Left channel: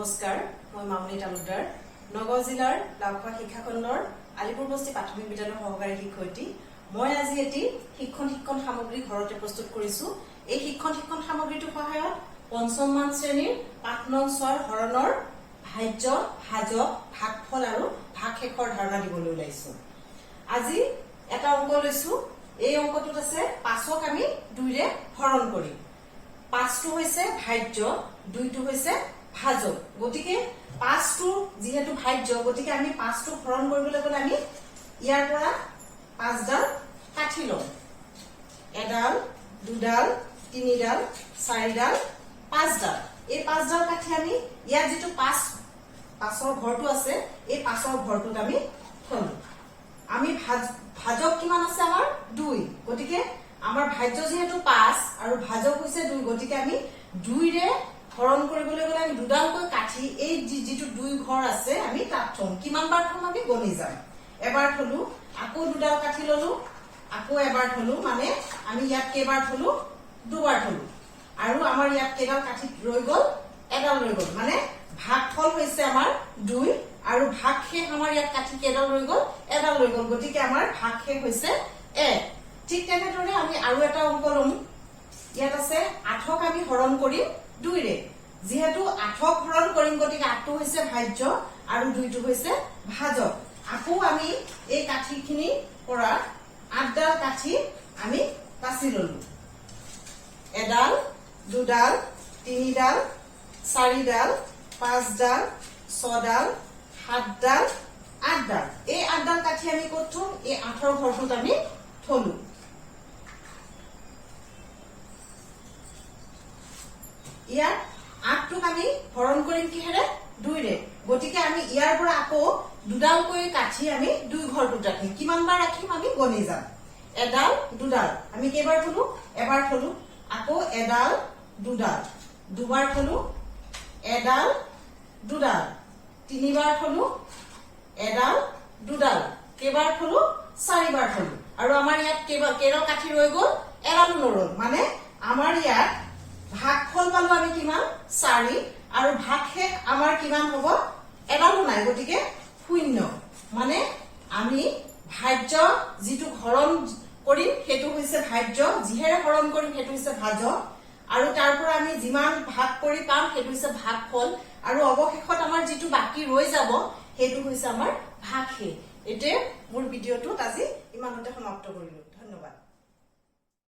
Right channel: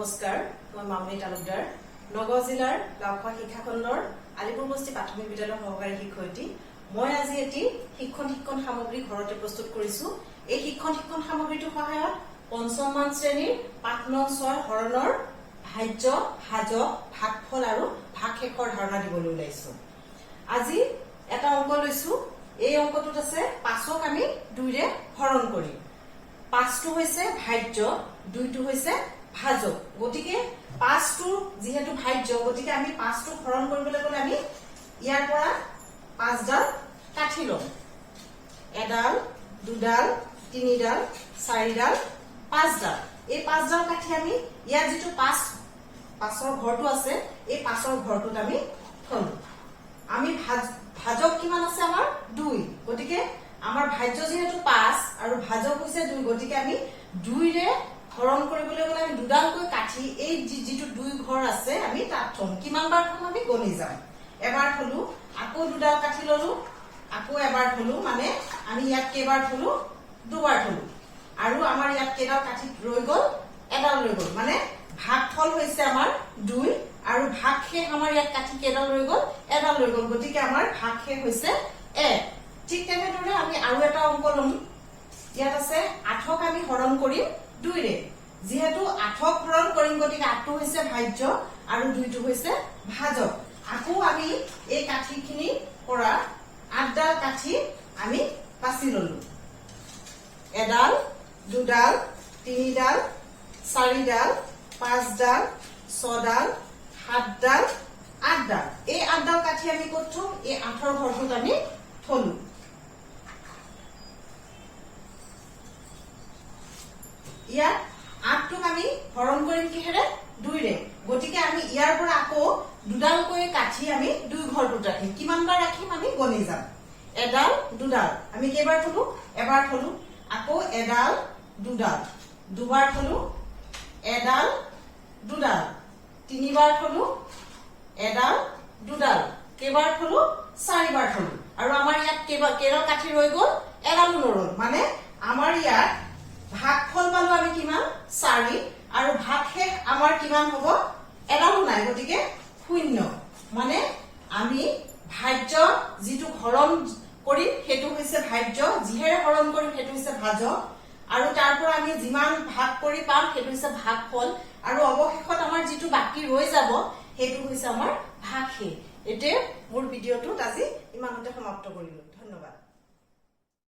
নমস্কাৰ মই মামনি তালুকদাৰ নগাঁও জিলাৰ লাউখোৱা শিক্ষাখণ্ডৰ আলিপুৰ বস্তি প্ৰাথমিক বিদ্যালয়ৰ সহকাৰী শিক্ষয়িত্ৰী মই আজি এটি শিক্ষণ সামগ্ৰী ঘৰতে প্ৰস্তুত কৰিছো এই শিক্ষণ সামগ্ৰীটোৰ সহায়ত পঞ্চম মান শ্ৰেণীৰ পাঠ নং 6 হৰণৰ ভাজ্য ভাজক ভাগফল আৰু ভাগশেষৰ ধাৰণা দিবলৈ ওলাইছো আজি এটা অংক লৈছো এই অংকটোত আছে 5ক আমি 2 ৰে হৰণ কৰিম 5টো হৈছে ভাজ্য 2টো হৈছে ভাজক গতিকে 5টো যেহেতু ভাজ্য গতিকে আমি 5টো হৰণ কৰিবলৈ গলে আমি ইয়াৰ পৰা 5ডাল কাঠি লম এডাল দুডাল তিনিডাল চাৰিডাল পাঁচডাল এই 5ডাল কাঠি আমি ইয়াৰ যেটো 5ৰ ঘৰটো আছে এই 5ৰ ঘৰটোত আমি থলো আমি ভাজক কিমান আছে আমাৰ 2 গতিকে আমাৰ ভাজ্য যেহেতু 5 আৰু ভাজক হৈছে 2 গতিকে আমি 2 ৰে হৰণ কৰিবলৈ গলে আমি দুডালকৈ কাঠি এই যেটো 2 ঘৰ আছে আমি তাত থম কিমান বাৰ থম আমি গণি যাম এবাৰ থলো আকৌ দুডাল কাঠি ললো আকৌ এবাৰ থলো মানে আমি ইয়াত কেবাৰ থলো দুবাৰ থলো আৰু আমাৰ ইয়াত কেডাল কাঠি ৰৈ গল এডাল ৰৈ গল মানে ভাগফল হৈছে আমাৰ 2 আৰু ভাগশেষ আমাৰ ইয়াত কাঠি কেডাল ৰৈ গল এডাল ৰৈ গল গতিকে আমাৰ ভাগশেষ হৈছে 1 ঠিক তেনেদৰে আমি আৰু এটা অংক লম ইয়াত আছে 8ক আমি হৰণ কৰিম 2 ৰে যেহেতু 8ক হৰণ কৰিম গতিকে 8টো হৈছে ভাজ্য আৰু 2টো হৈছে ভাজক আকৌ আমি এই কাঠিখিনি পৰা 8ডাল কাঠি আমি বাছি ললো এডাল দুডাল তিনিডাল চাৰিডাল পাঁচডাল ছডাল সাতডাল আঠডাল এই 8ডাল কাঠি আমি ক'ত থম এই 8ৰ ঘৰটোত আমি থলো ইয়াত 8টোক আমি হৰণ কৰিম কিহেৰে 2 ৰে গতিকে আমি ইয়াৰ পৰা আকৌ দুডালকৈ কাঠি আমি 2 ঘৰটোত ৰাখিম কিমান বাৰ ৰাখিম আমি গণি যাম এডাল দুডাল আমি কেইবাৰ থলো এবাৰ থলো আকৌ এডাল দুডাল দুবাৰ থলো এডাল দুডাল তিনিবাৰ থলো এডাল দুডাল কেইবাৰ থলো চাৰিবাৰ থলো আৰু আমাৰ ইয়াত কেইডাল কাঠি ৰৈ গল এডাল নৰল মানে আমাৰ ইয়াত ভাগফল পালো আমি কিমান 4 আৰু ভাগশেষ আমাৰ কিমান হ'ব এডালো নাই গতিকে 0 মানে আমি ভাজ্য যেটো হৰণ কৰিম হেতু হৈছে ভাজ্য যিহেৰে হৰণ কৰিম হেতু হৈছে ভাজক আৰু তাৰ পৰা আমি যিমান ভাগ কৰি পাম হেতু হৈছে ভাগফল আৰু অৱশেষত আমাৰ যেটো বাকি ৰৈ যাব হেতু হৈছে আমাৰ ভাগশেষ এতে মোৰ ভিডিওটো আজি ইমানতে সমাপ্ত কৰিলো ধন্যবাদ